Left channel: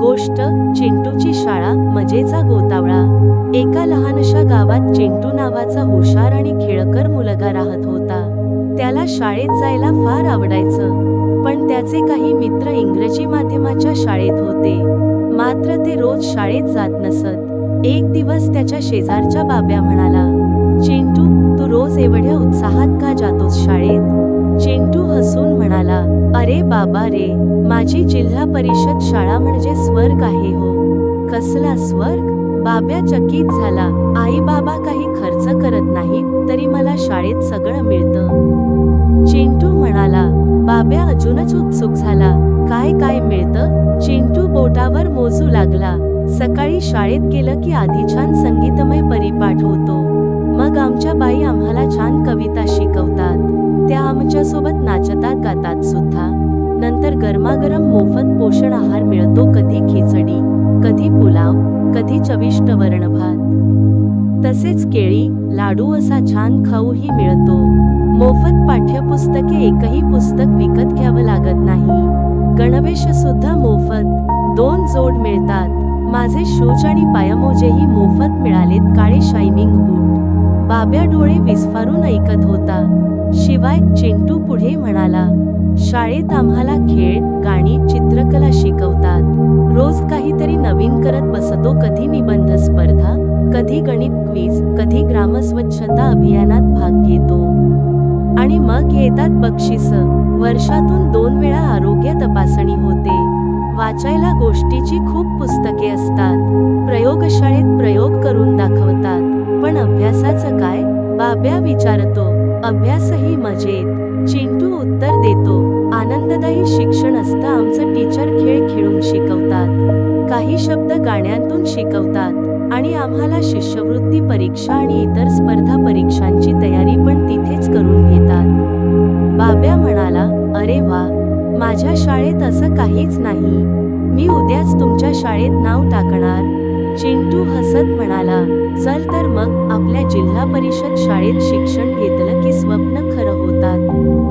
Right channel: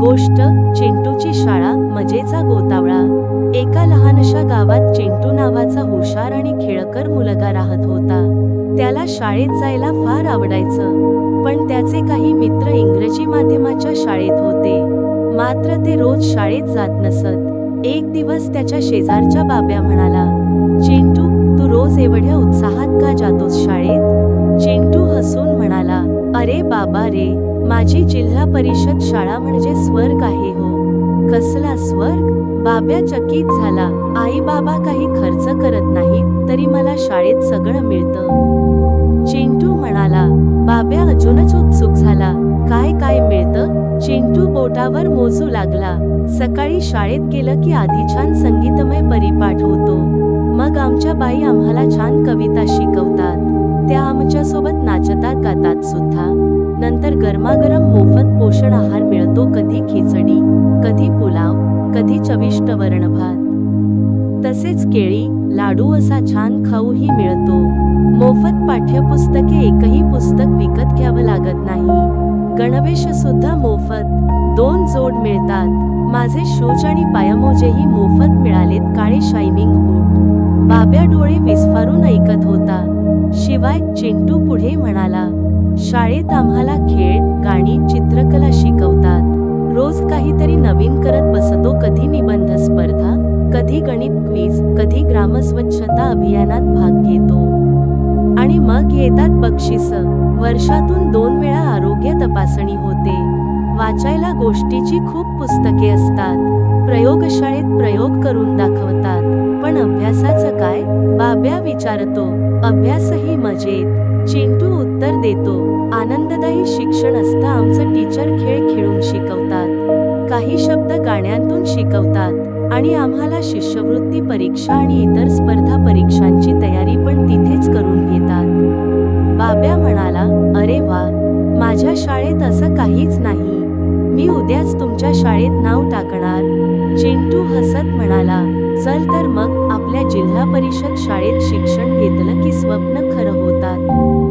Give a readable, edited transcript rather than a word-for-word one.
गोष्ट चिंटूची शाळा मजेचा गोतावळा। एका लहानशा गावात चिंटू नावाचा हुशार आणि खेळकर मुलगा राहत होता। त्याला शाळेत जायला फार आवडायचं, पण त्याचे काही मित्र इंग्रजी माध्यमाच्या शाळेत होते, मात्र ते रोज शाळेत जात नसत। एक दिवस त्याच्या शेजारच्या बाब्या म्हणाला, चिंटू, तू रोज एवढ्या उत्साहात का जातोस शाळेत? चिंटू हसून म्हणाला, अरे बाबा रे, माझी जिल्हा परिषद शाळा म्हणजे स्वर्ग आहे हो। कसला स्वर्ग? बाब्या चकित झाला। आई बाबा काही खर्च करत नाहीत तरी मला शाळेत सगळं मिळतं। चिंटू म्हणाला। बाब्या अजूनच उत्सुक झाला, काय काय मिळतं? चिंटू बोटावर मोजू लागला। सकाळी शाळेत गेलं की आधी छान संगीतमय परिपाठ होतो, मग आमच्या बाई आम्हाला छान कविता शिकवतात, त्या आमच्यासोबत नाचतात गातात सुद्धा। नंतर गरमागरम मोफत पोषण आहार मिळतो, कधी खिचडी, कधी पुलाव, कधी चविष्ट वरणभात, तसेच केळी, लाडू असा छान खाऊही मिळतो। मोफत पाठ्यपुस्तके, एकही पुस्तक विकत घ्यावं लागत नाही। गणवेश सुद्धा मोफत, 2 जोड मिळतात। माझे शूज आणि पायमोजेही मोफत मिळालेत, काळे शायनिंग बूट। बाब्या डोळे विस्फारून ऐकत होता। शिवाय चिंटू पुढे म्हणाला, शाळेत आम्हाला खेळ, गाणी, चित्रकला शिकवतात, रोज काहीतरी नवीन करत बसतो, कधी निबंध स्पर्धा, कधी गणित क्विज, कधी ग्रामस्वच्छता अभियानात भाग घेतो। आणि मग येतात बक्षिसं, वर्षातून 2 वेळा आरोग्य तपासणी होते। वाचायला गोष्टीची खूप पुस्तके असतात, प्रयोगशाळेत प्रयोग करून दाखवतात। पण अभ्यासाचं काय? बाब्या विचारतो। अभ्यासही मजेत, चिंटू उत्तर देतो। आनंददायी शिक्षण असतं आमचं, टीचर खेळ खेळून शिकवतात, काही शब्द गाण्यांतून शिकवतात, आणि आम्हाला शिष्यवृत्ती परीक्षा आणि इतर स्पर्धा परीक्षांची तयारी पण तिथेच करून घेतात। बाब्या म्हणाला, अरे वा, माझ्या शाळेत असं काहीच नाही, मी उद्याच तुमच्या शाळेत नाव टाकणार। चिंटू हसत म्हणाला, चल तर मग, आपल्या जिल्हा परिषद शाळेत शिक्षण घेतलं की स्वप्न खरं होतात।